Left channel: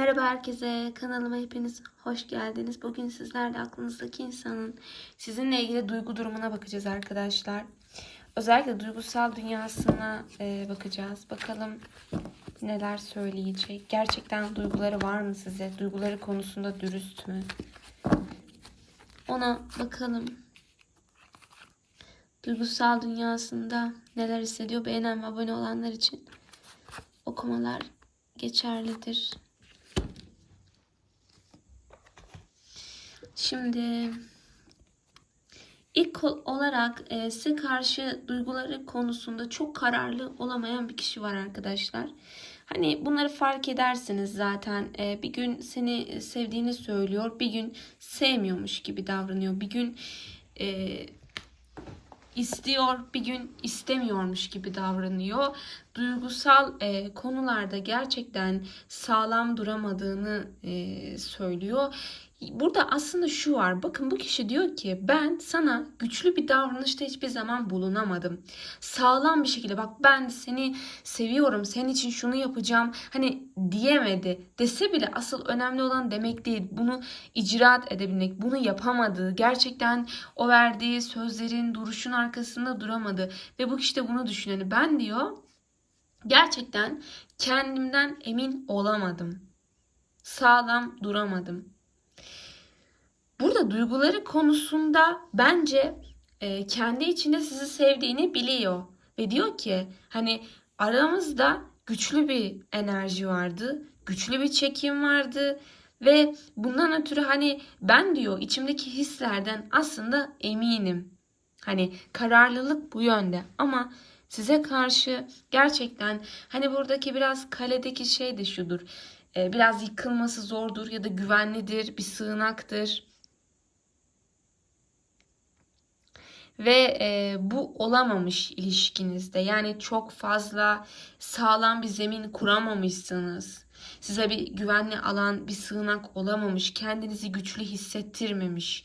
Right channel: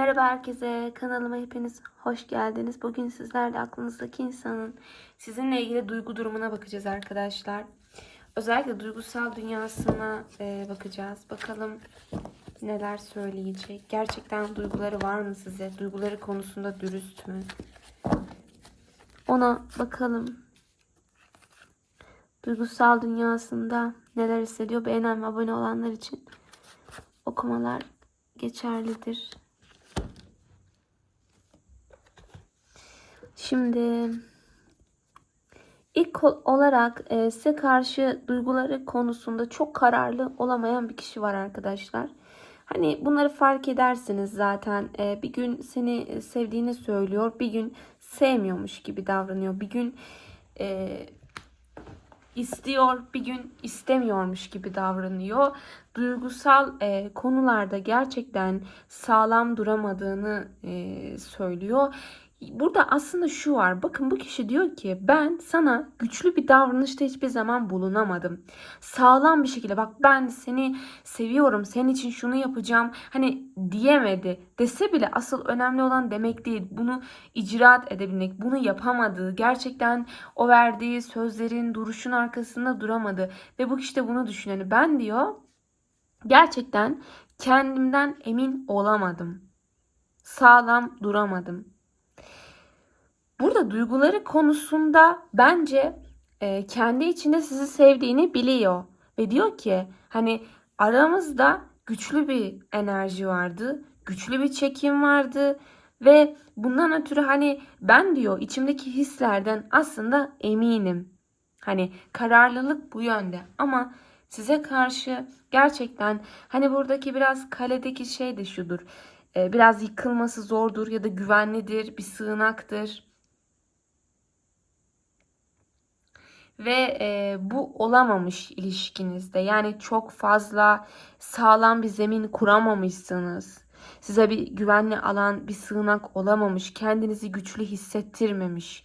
Merhaba herkese, kanalıma hepiniz hoş geldiniz. Bugün sizlerle aklınızdaki insanın sizinle ilgili duygu durumuna bakacağız arkadaşlar. Özellikle duygusal dünyasına e, bakacağız. Bakalım neler söyleyecek. Gerçekten duyguları var mı size? Duyguları konusunda dürüst mü? Ona bakalım. Duygusal dünyasında neler hissediyor? Beğenen ve abone olanlar için okumalar geçerlidir. Şimdi ilk ol- olarak e, size karşı duyguları konusunda çok kararlı olamayan bir kişi var arkadaşlar. Hani bunları fark edersiniz zaten. E, bir gün seni sevdiğini söylüyor, bir gün sevmiyormuş gibi davranıyor. Bir gün e, istiyor, bir gün istemiyormuş gibi davranıyor. Duygusal e, konularda gerçekten sağlam duramadığını e, söylüyor. Burada aslında şu var. Bakın bu kişi diyor ki ben sana güçlü bir davranışta hiçbir zaman bulunamadım. Sağlam bir şekilde bak ben seni seviyorum. Senin için şunu yapacağım. Hani diyemedi. Dese bile asıl önemli olan demek değil. Bunu icraat edebilmek. Bunu yapamadığı. Gerçekten o verdiği sözlerin duruşun arkasında duramadı. Ve bu kişi de bunu düşünüyor. Yani ben diyor gerçekten kendimden emin olamadım. Sağlam duramadım. Burada duyguları konusunda bence e, kendi içinde sizi sevdiğini biliyor. Ve diyor ki hani aramızda güçlü bir enerji vardı. Güçlü bir çekim vardı. Ve bundan ötürü hani ben diyor içimdeki hislerden aslında eminim. Hani kararlılık bu yönde ama size karşı gerçekten hani buradaki biraz kaledeki şey de şudur. E, biraz yıkılması zordur ya da güvenlidir, bir sığınaktır. Ve e, bu olamamış ilişkinizde. Yani çok fazla sağlam bir zemin kuramamışsınız. Size bir güvenli alan, bir sığınak olamamış. Kendinizi güçlü hissettirmemiş.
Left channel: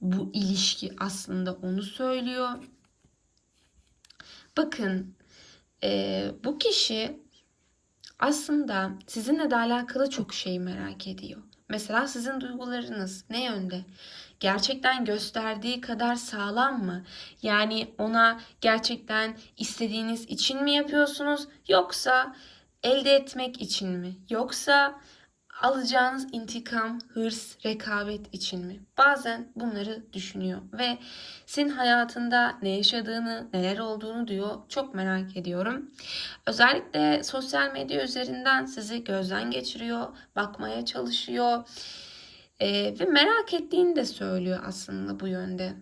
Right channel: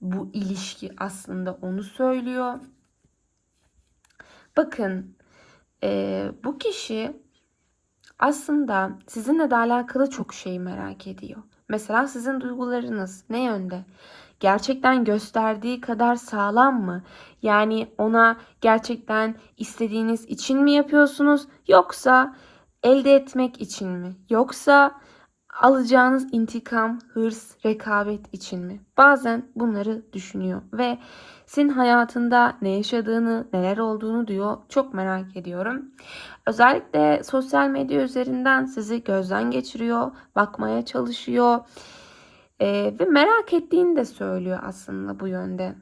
Bu ilişki aslında onu söylüyor. Bakın e, bu kişi aslında sizinle de alakalı çok şey merak ediyor. Mesela sizin duygularınız ne yönde? Gerçekten gösterdiği kadar sağlam mı? Yani ona gerçekten istediğiniz için mi yapıyorsunuz yoksa elde etmek için mi? Yoksa alacağınız intikam, hırs, rekabet için mi? Bazen bunları düşünüyor ve senin hayatında ne yaşadığını, neler olduğunu diyor. Çok merak ediyorum. Özellikle sosyal medya üzerinden sizi gözden geçiriyor, bakmaya çalışıyor. Ee, ve merak ettiğini de söylüyor aslında bu yönde.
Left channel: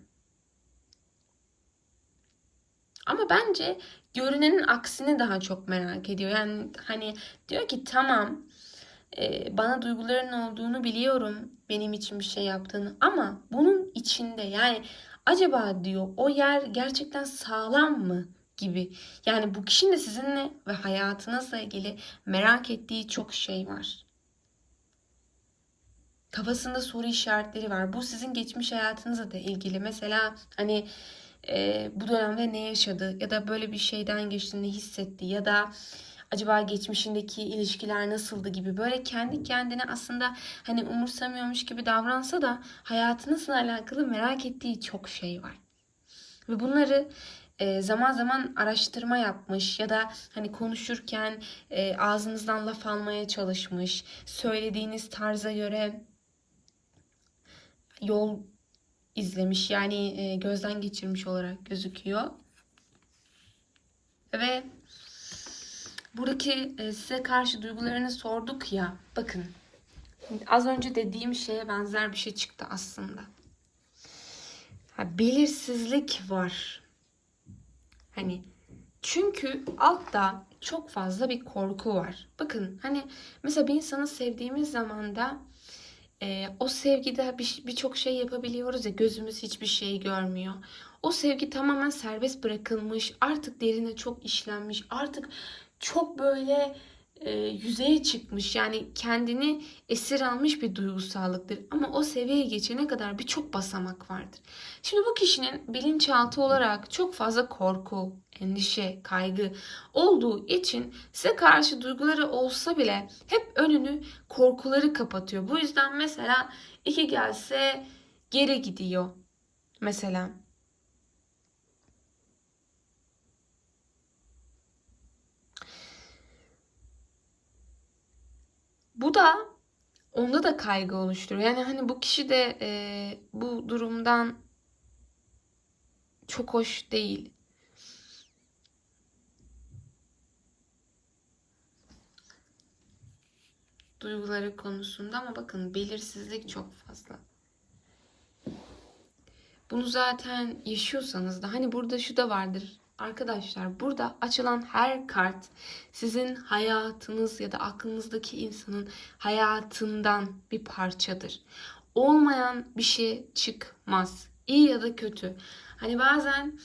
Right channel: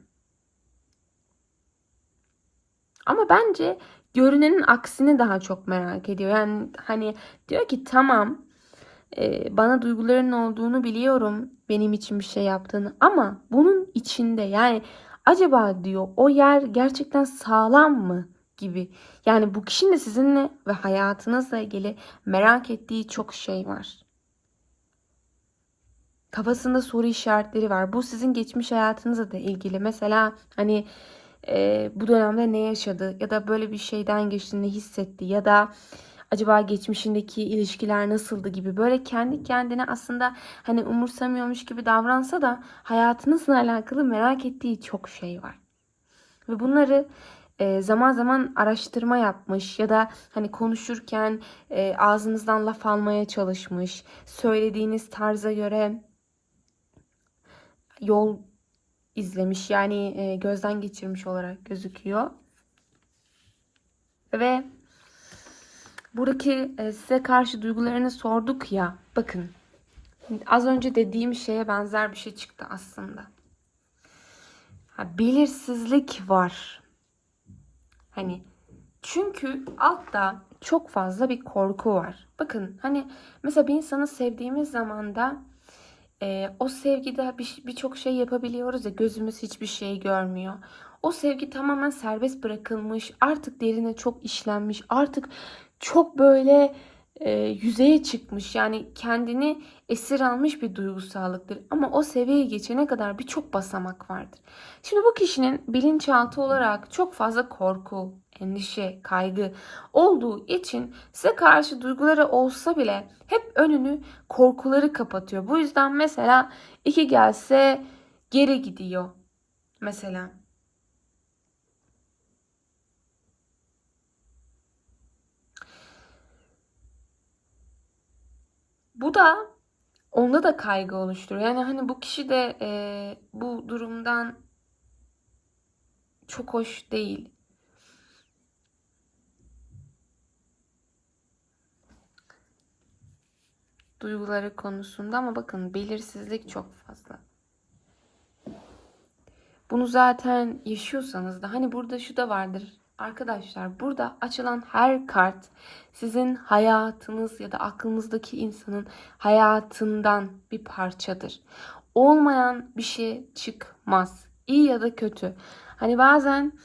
Ama bence görünenin aksini daha çok merak ediyor. Yani hani diyor ki tamam e, bana duyguların olduğunu biliyorum benim için bir şey yaptığını ama bunun içinde yani acaba diyor o yer gerçekten sağlam mı gibi. Yani bu kişinin de sizinle ve hayatınızla ilgili merak ettiği çok şey var. Kafasında soru işaretleri var. Bu sizin geçmiş hayatınızla da ilgili. Mesela hani e, bu dönemde ne yaşadı ya da böyle bir şeyden geçtiğini hissetti ya da acaba geçmişindeki ilişkiler nasıldı gibi böyle kendi kendine aslında hani umursamıyormuş gibi davransa da hayatınızla alakalı merak ettiği çok şey var. Ve bunları e, zaman zaman araştırma yapmış ya da hani konuşurken e, ağzınızdan laf almaya çalışmış. Söylediğiniz tarza göre yol izlemiş yani e, gözden geçirmiş olarak gözüküyor. Ve buradaki e, size karşı duygularını sorduk ya bakın az önce dediğim şeye benzer bir şey çıktı aslında. Ha, belirsizlik var. Hani çünkü altta çok fazla bir korku var. Bakın hani mesela bir insanı sevdiğimiz zaman da e, o sevgide bir- birçok şey yapabiliyoruz ya gözümüz hiçbir şey görmüyor. O sevgi tamamen serbest bırakılmış, artık derine çok işlenmiş, artık çok böyle e, yüzeye çıkmış yani kendini esir almış bir duygusallıktır. Ama o seviyeye geçene kadar birçok basamak vardır. Şimdi bu kişinin bilinçaltı olarak çok fazla korku, endişe, kaygı olduğu için size karşı duyguları olsa bile hep önünü korkuları kapatıyor. Bu yüzden mesela iki gelse geri gidiyor mesela. Bu da onda da kaygı oluşturuyor. Yani hani bu kişi de e, bu durumdan çok hoş değil. Duyguları konusunda ama bakın belirsizlik çok fazla. Bunu zaten yaşıyorsanız da hani burada şu da vardır. Arkadaşlar burada açılan her kart sizin hayatınız ya da aklınızdaki insanın hayatından bir parçadır. Olmayan bir şey çıkmaz. İyi ya da kötü. Hani bazen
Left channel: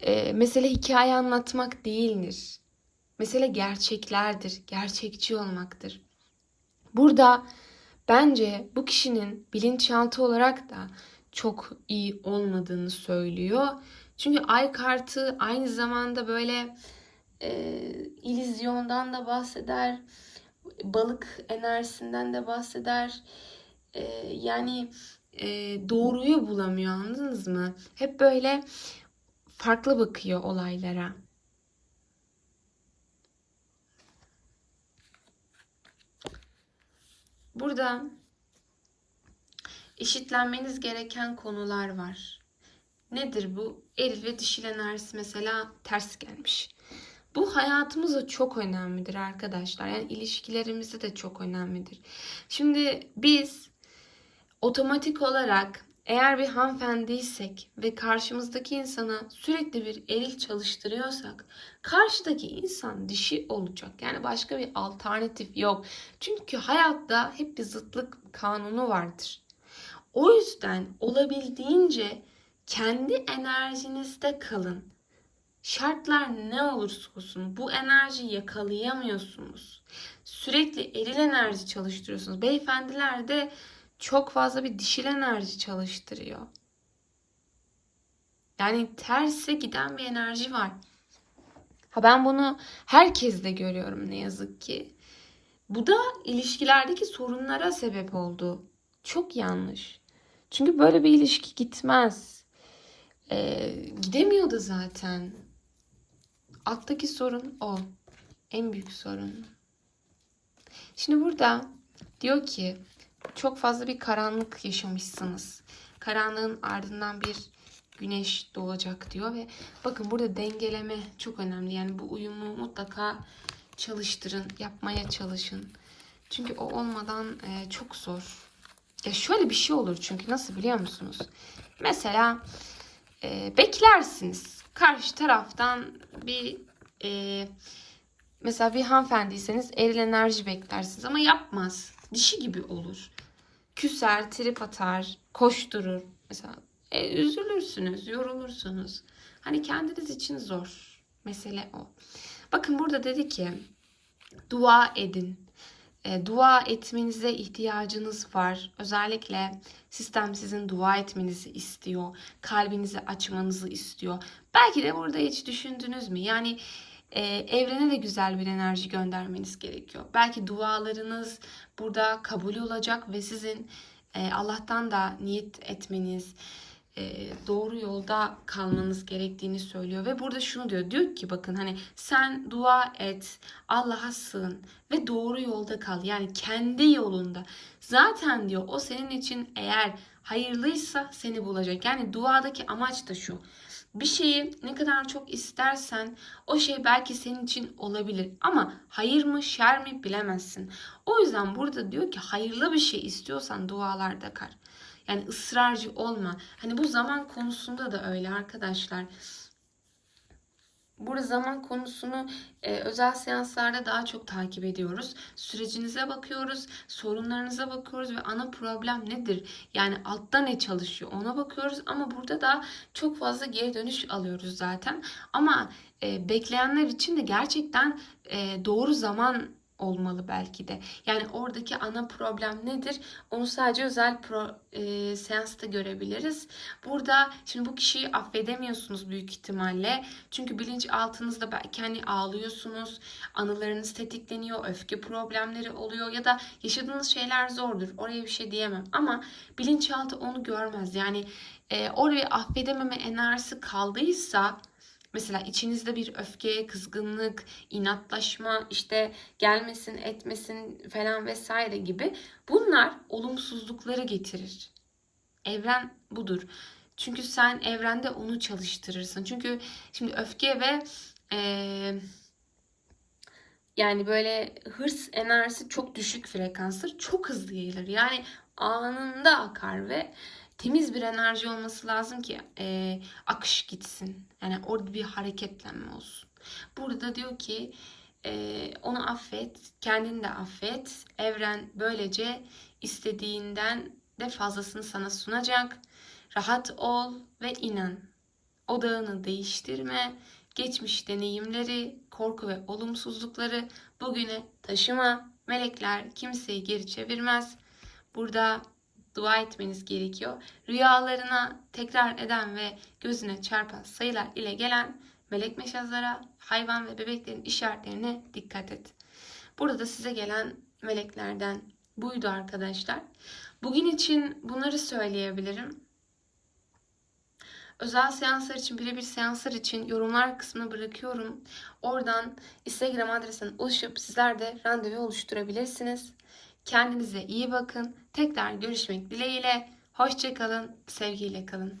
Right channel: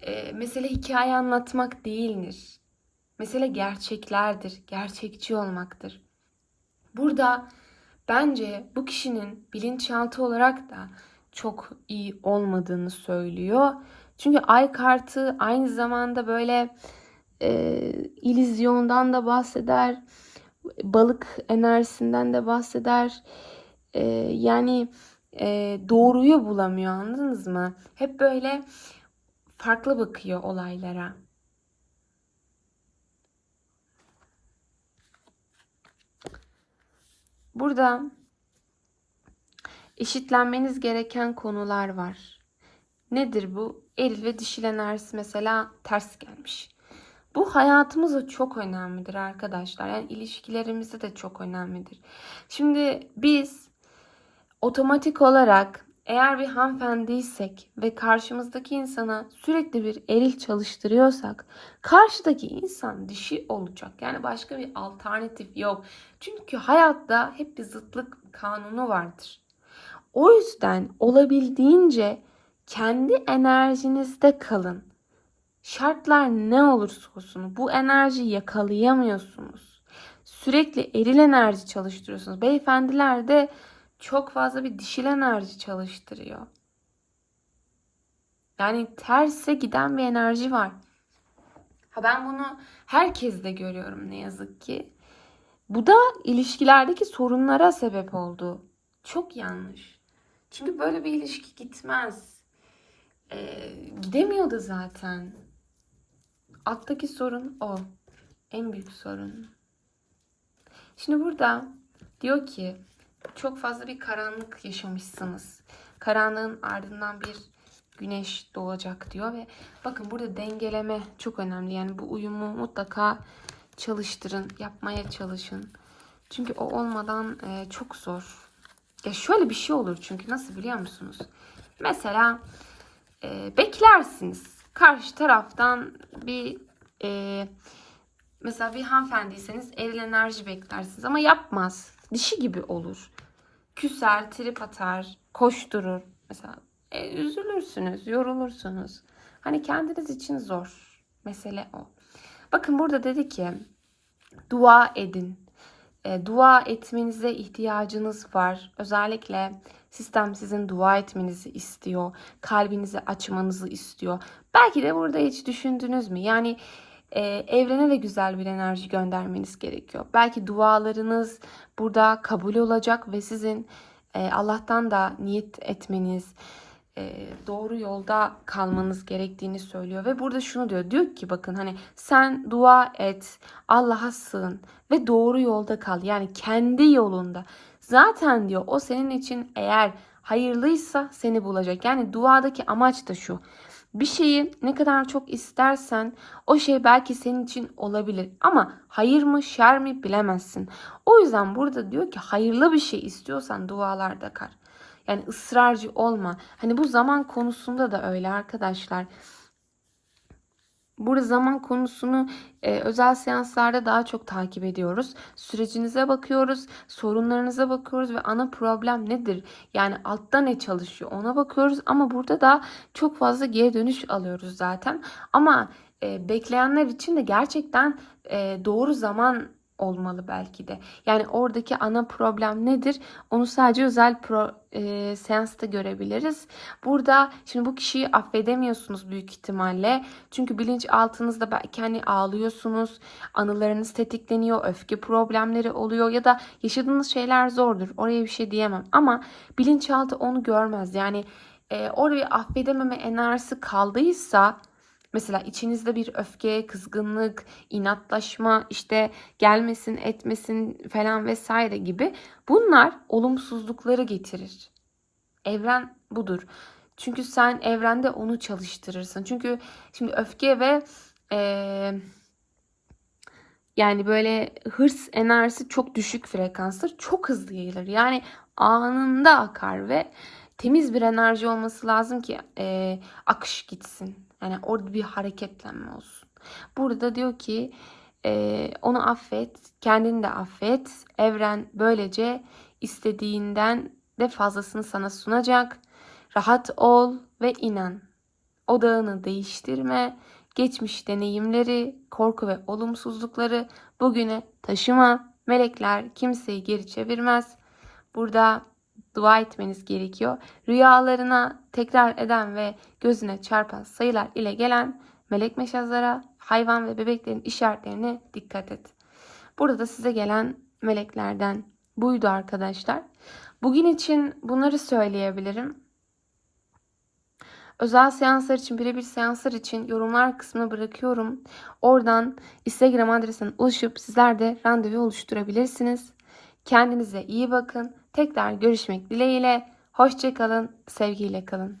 e, mesele hikaye anlatmak değildir. Mesele gerçeklerdir. Gerçekçi olmaktır. Burada bence bu kişinin bilinçaltı olarak da çok iyi olmadığını söylüyor. Çünkü ay kartı aynı zamanda böyle e, ilizyondan da bahseder, balık enerjisinden de bahseder. E, yani e, doğruyu bulamıyor anladınız mı? Hep böyle farklı bakıyor olaylara. Burada eşitlenmeniz gereken konular var. Nedir bu? Eril ve dişil enerjisi mesela ters gelmiş. Bu hayatımızda çok önemlidir arkadaşlar. Yani ilişkilerimizde de çok önemlidir. Şimdi biz otomatik olarak eğer bir hanımefendiysek ve karşımızdaki insana sürekli bir eril çalıştırıyorsak karşıdaki insan dişi olacak. Yani başka bir alternatif yok. Çünkü hayatta hep bir zıtlık kanunu vardır. O yüzden olabildiğince kendi enerjinizde kalın. Şartlar ne olursa olsun bu enerjiyi yakalayamıyorsunuz. Sürekli eril enerji çalıştırıyorsunuz. Beyefendiler de çok fazla bir dişil enerji çalıştırıyor. Yani terse giden bir enerji var. Ha ben bunu herkeste görüyorum ne yazık ki. Bu da ilişkilerdeki sorunlara sebep oldu. Çok yanlış. Çünkü böyle bir ilişki gitmez. Ee, gidemiyor da zaten. Alttaki sorun o. En büyük sorun. Şimdi burada diyor ki çok fazla bir karanlık yaşamışsınız. Karanlığın ardından bir güneş doğacak diyor ve bakın burada dengeleme çok önemli. Yani bu uyumu mutlaka çalıştırın, yapmaya çalışın. Çünkü o olmadan e, çok zor. Ya şöyle bir şey olur çünkü nasıl biliyor musunuz? Mesela e, beklersiniz. Karşı taraftan bir e, mesela bir hanımefendiyseniz eril enerji beklersiniz ama yapmaz. Dişi gibi olur. Küser, trip atar, koşturur. Mesela e, üzülürsünüz, yorulursunuz. Hani kendiniz için zor. Mesele o. Bakın burada dedi ki dua edin. E, dua etmenize ihtiyacınız var. Özellikle sistem sizin dua etmenizi istiyor. Kalbinizi açmanızı istiyor. Belki de burada hiç düşündünüz mü? Yani e, evrene de güzel bir enerji göndermeniz gerekiyor. Belki dualarınız burada kabul olacak ve sizin e, Allah'tan da niyet etmeniz, e, doğru yolda kalmanız gerektiğini söylüyor. Ve burada şunu diyor diyor ki bakın hani sen dua et Allah'a sığın ve doğru yolda kal. Yani kendi yolunda. Zaten diyor o senin için eğer hayırlıysa seni bulacak. Yani duadaki amaç da şu. Bir şeyi ne kadar çok istersen o şey belki senin için olabilir. Ama hayır mı şer mi bilemezsin. O yüzden burada diyor ki hayırlı bir şey istiyorsan dualarda kal. Yani ısrarcı olma. Hani bu zaman konusunda da öyle arkadaşlar. Burada zaman konusunu e, özel seanslarda daha çok takip ediyoruz. Sürecinize bakıyoruz, sorunlarınıza bakıyoruz ve ana problem nedir? Yani altta ne çalışıyor ona bakıyoruz ama burada da çok fazla geri dönüş alıyoruz zaten. Ama e, bekleyenler için de gerçekten e, doğru zaman olmalı belki de. Yani oradaki ana problem nedir? Onu sadece özel pro, e, seansta görebiliriz. Burada şimdi bu kişiyi affedemiyorsunuz büyük ihtimalle. Çünkü bilinçaltınızda belki hani ağlıyorsunuz, anılarınız tetikleniyor, öfke problemleri oluyor ya da yaşadığınız şeyler zordur. Oraya bir şey diyemem ama bilinçaltı onu görmez. Yani e, oraya affedememe enerjisi kaldıysa Mesela içinizde bir öfke, kızgınlık, inatlaşma, işte gelmesin, etmesin falan vesaire gibi bunlar olumsuzlukları getirir. Evren budur. Çünkü sen evrende onu çalıştırırsın. Çünkü şimdi öfke ve eee, yani böyle hırs enerjisi çok düşük frekanstır. Çok hızlı yayılır. Yani anında akar ve temiz bir enerji olması lazım ki eee, akış gitsin. Yani orada bir hareketlenme olsun. Burada diyor ki eee, onu affet, kendini de affet. Evren böylece istediğinden de fazlasını sana sunacak. Rahat ol ve inan. Odağını değiştirme. Geçmiş deneyimleri, korku ve olumsuzlukları bugüne taşıma. Melekler kimseyi geri çevirmez. Burada dua etmeniz gerekiyor. Rüyalarına tekrar eden ve gözüne çarpan sayılar ile gelen melek meşazlara, hayvan ve bebeklerin işaretlerine dikkat et. Burada da size gelen meleklerden buydu arkadaşlar. Bugün için bunları söyleyebilirim. Özel seanslar için, birebir seanslar için yorumlar kısmına bırakıyorum. Oradan Instagram adresine ulaşıp sizler de randevu oluşturabilirsiniz. Kendinize iyi bakın. Tekrar görüşmek dileğiyle. Hoşçakalın, sevgiyle kalın.